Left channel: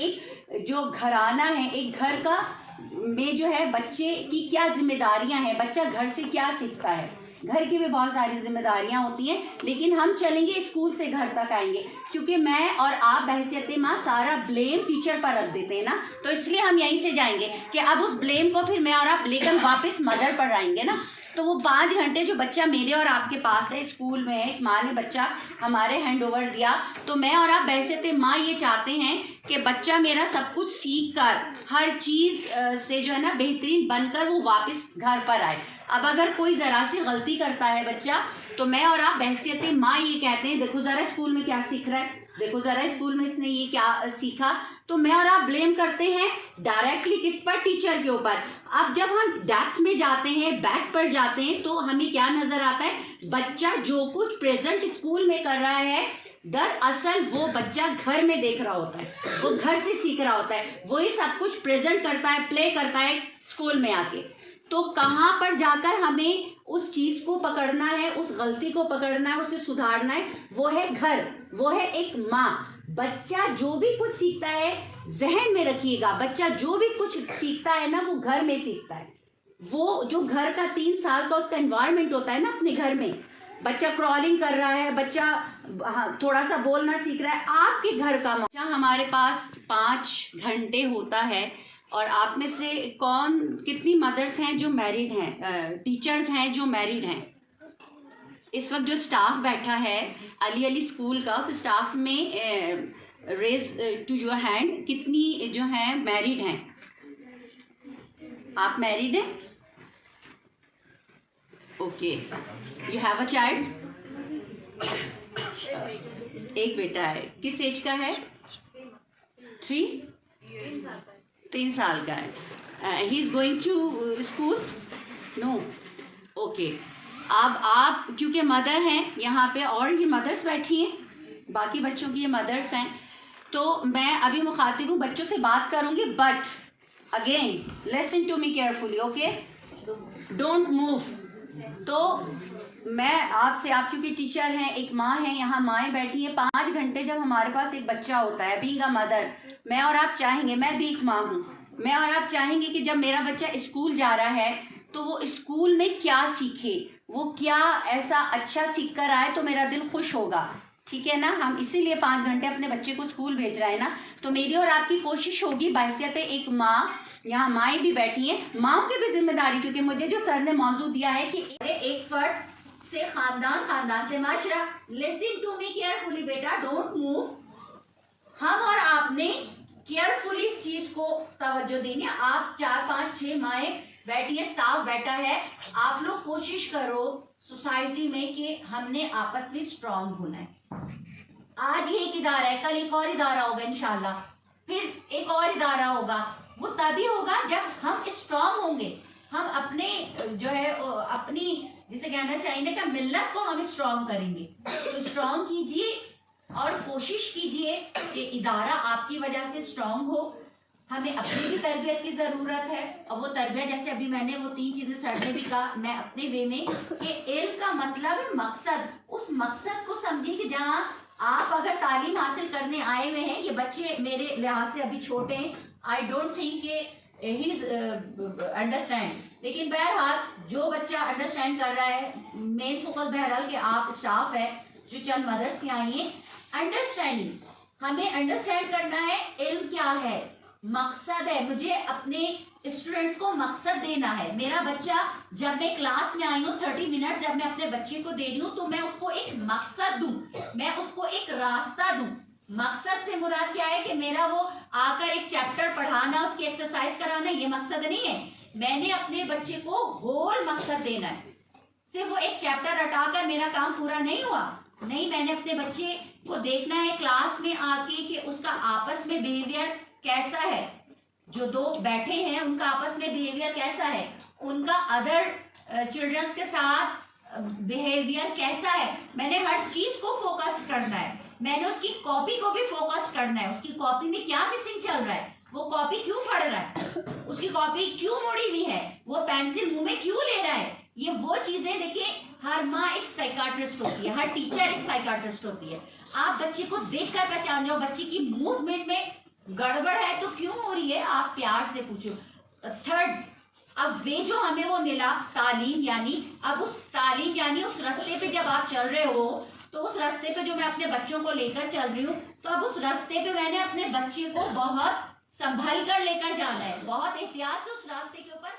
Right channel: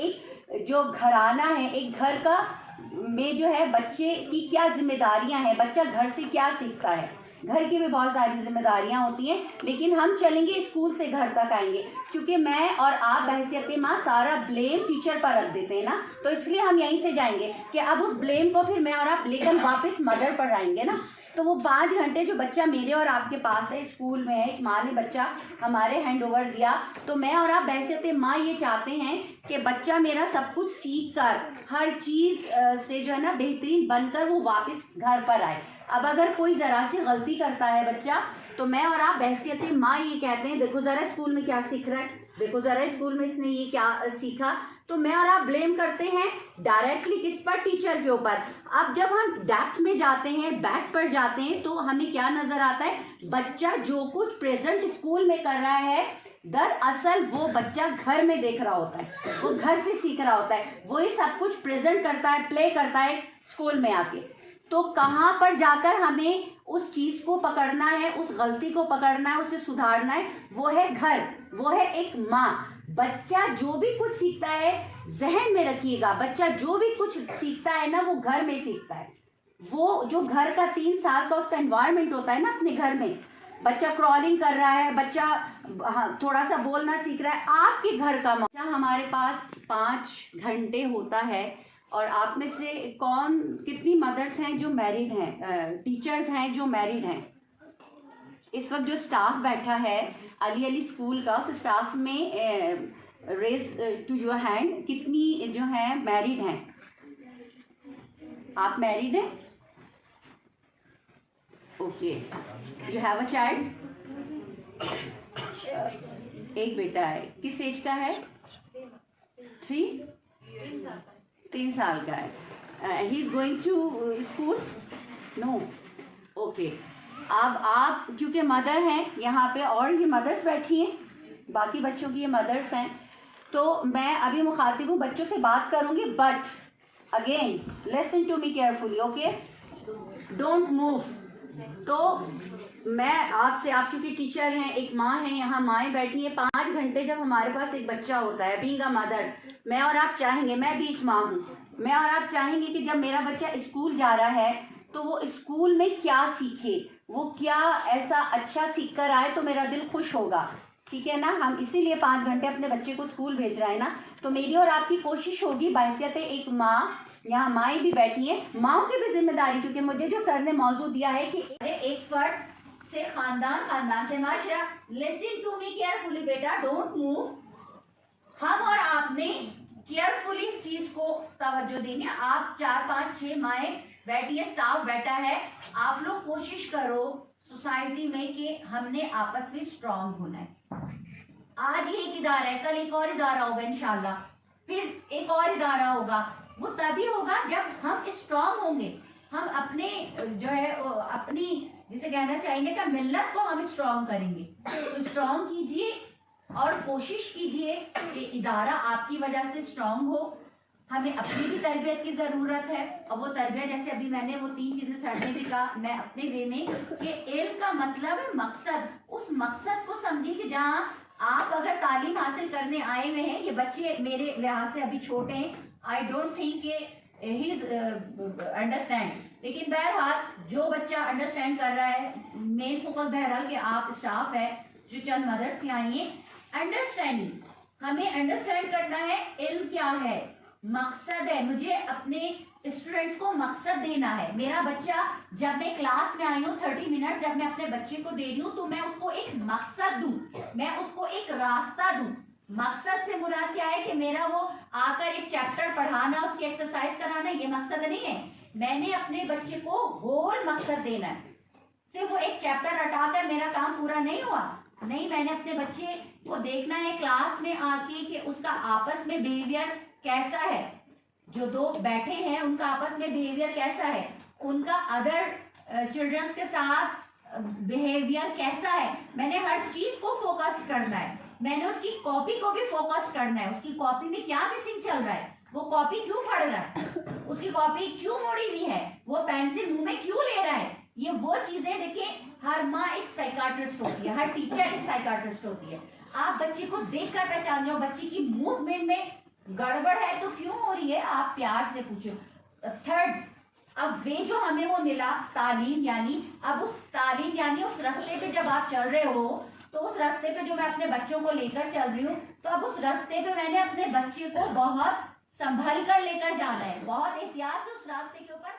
एक जो घराना है, एक घर का में जो है बच्चे की क्या जिम्मेदारियां हैं, बच्चा घर से क्या सीखता है। घर की भी बहुत सारी जिम्मेदारियां होती हैं, लेकिन हम चलेंगे स्कूल से घर तक आएंगे, क्योंकि मैं और आप बहसियत माँ सारा ब्लेम टीचर पर रख देते हैं ना, तो इसलिए हम यहीं से जाएंगे कि अब उस ब्लेम को फिर मैं और आप लेकर वापस मदर पर आएंगे ना। तो वो 5 घंटे जो बच्चा मेरे और आपके पास है, स्कूल में है, एक माँ ने बच्चा हमारे हैंड ओवर दिया, तो मैं और आप बहसियत माँ ये चाहते हैं कि बच्चा मेरा सब कुछ सीख कर हर चीज़ से जो है ना बेहतरीन बनकर वो वापस घर पर आए। अब अगर कोई ज़रा सी गलती करता है बच्चा, तो मैं और आप बहसियत माँ ये कहते हैं देखो ज़रा स्कूल में क्या सीख रहा है, देखो ज़रा स्कूल में इसने ये क्या सीखा, तो मैं और आप ब्लेम करते हैं डायरेक्टली किस पर, टीचर के ऊपर। अब जब हम डेप्थ में जाते हैं, बैक पर जाते हैं, तो हमें क्या नजर आता है, बच्चा जो कुछ प्रेजेंट स्कूल में कर रहा है दरअसल वो बच्चा घर में देख रहा होता है, वो घर से सीख रहा होता है, वही सब कुछ प्रेजेंट करता है, प्ले करता है स्कूल में आके। तो कहाँ पर जाकर हमें उस चीज़ को पकड़ना है, उस गलती को पकड़ना है, उसे सुधारना है, वो है घर, वो है एक माँ। बच्चा जो भी कुछ सीखता है, जहन में रखिएगा, बच्चा जो भी कुछ सीखता है ना वो घर में सीखता है। वो जो घर का 3 साल का उसका एनवायरनमेंट होता है ना अपने घर में, बच्चा क्रॉलिंग कर रहा है, बच्चा थोड़ा सा बोलना सीख रहा है, आपके घर का बच्चा हमारे पास 5 घंटे होता है। और आप में से कितनी मदर्स हैं जो मैरिड हैं, टीचर्स हैं जो मैरिड हैं? इस वक्त जो स्टाफ बैठा है अली स्कूल का, उस स्टाफ में रेज टू योर हैंड कितनी जो हैं मैरिड हैं? आप मैरिड हैं? Okay, you have a child? एक बेटा है, किस एज का है? 3 साल का है। He is going to school? No, okay. अब आप क्योंकि मदर हैं यहाँ पे, और ये मदर्स बैठी हैं, बाकी बच्चों की ये मदर्स हैं, तो मैं अभी मुखातिब हूँ, बच्चों से बात करूँगी, but again listen to me carefully, okay, don't move. तो मैं आपसे, आप क्योंकि टीचर हैं, एक माँ है, यहाँ माएँ बैठी हैं, 5 घंटे जब हमारे पास एक बच्चा होता है, बीइंग अ मदर, मैं और आप चाहेंगे, मैं भी एक माँ हूँ, मैं और आप चाहेंगे कि जब मेरा बच्चा स्कूल जा रहा है तो वो स्कूल में क्या सीखे, वो क्या ऐसा अच्छा सीख कर आए तो मेरा दिल खुश होगा, ठीक है ना। हम इसीलिए 5 घंटे अपने बच्चे को स्कूल भेज रहे हैं ना। तो मेरी और आपकी कोशिश होगी बहैसियत एक माँ, यहाँ माएँ भी बैठी हैं, माँओं की भी जिम्मेदारी, क्योंकि मुझे जो सर ने मौजू दिया है कि एक फर्द से खानदान, खानदान से माशरा। लिसन टू मी केयरफुली बेटा, डोंट मूव। हम और आपने केयरफुली इस चीज को तवज्जो देनी है। आप 4, 5, 6 माएँ बैठी है, स्टाफ बैठा है, आप लोग कोशिश करो सोसाइटी में कि हमने आपस में स्ट्रांग होना है। आज ये एक इदारा है, कल एक और इदारा होगा इंशाल्लाह, फिर एक और इदारा होगा। वो तभी होगा जब हम स्ट्रांग होंगे, हम अपने जो है अपनी जिसे कहना चाहिए कि मिल्लत को हम स्ट्रांग करेंगे। तो स्ट्रांग कीजिए और कोशिश कीजिए कि इदारा आपकी वजह से स्ट्रांग हो। हमें अपनी भी तरबियत की ज़रूरत है, और वो तरबियत जैसे अभी मैंने वो 3 चीज़ें सर ने भी कहा, मैं अपने वे में, कि इल्म का मतलब है मकसद। उस मकसद को समझिए कि जहाँ आप अगर तालीम हासिल करने आए हुए हैं, ये बच्चे मेरे लिहाज से अभी छोटे हैं, आई डोंट थिंक कि ही इज अंडरस्टैंड, लेकिन बहरहाल जो बच्चा अंडरस्टैंड कर रहा है, मेन फोकस बहरहाल कि आप स्टाफ है जो चंद मदर्स यहाँ आई हैं, अंडरस्टैंडिंग, हमें अंडरस्टैंड करना है इल्म क्या है, मकसद है, मुझे अपने स्टूडेंट्स को मकसद देना है। मेरा बच्चा, जब मैं क्लास में आई हूँ 30 मिनट जब मैं अपने बच्चे को दे रही हूँ, तो मैं उसको एक मकसद दूं, मैं उसको एक रास्ता दूं। मकसद से मुराद क्या है कि मेरा वो आकर एक चैप्टर पढ़ाना, उसकी एक्सरसाइज कराना, ये मकसद नहीं है। मैंने अपने बच्चे को होल मकसद देना है। सिर्फ वो एक चैप्टर रटाकर मेरा काम पूरा नहीं हुआ, नहीं, मैंने अपने बच्चे को देखना है क्लास में आके कि उसका आपस में बिहेवियर कैसा है, जो 2 बैठे हैं उनका आपस में बिहेवियर कैसा है, उनका अदर चिल्ड्रंस के साथ बिहेवियर कैसा है। मैंने हर चीज को फोकस करना है, मैंने उसकी कॉपी को भी फोकस करना है, उसकी कॉपी में क्या मिसिंग चल रहा है, वो कॉपी क्यों पढ़ रहा है, उसकी कॉपी क्यों मुड़ी हुई है, वो पेंसिल मुंह में क्यों ले रहा है। ये वो चीजें देखिए, हर माँ एक साइकाट्रिस्ट होती है, हर टीचर एक साइकाट्रिस्ट होती है। आप बच्चे को देखकर पहचान जाओ, बच्चे की मूवमेंट में गड़बड़ है तो क्यों हो रही है, आप प्यार से पूछो। थर्ड, अब वे जो हमें वो मिला तालीम, यानी अब उस तालीम यानी उस रास्ते पे जब आप चल रहे हो, तो उस रास्ते पे जो मैं अपने बच्चों को लेकर चल रही हूँ, तो अब उस रास्ते पे मैंने अपने बच्चे को बहुत संभल कर लेकर जाना है, बहुत एहतियात से उस रास्ते के ऊपर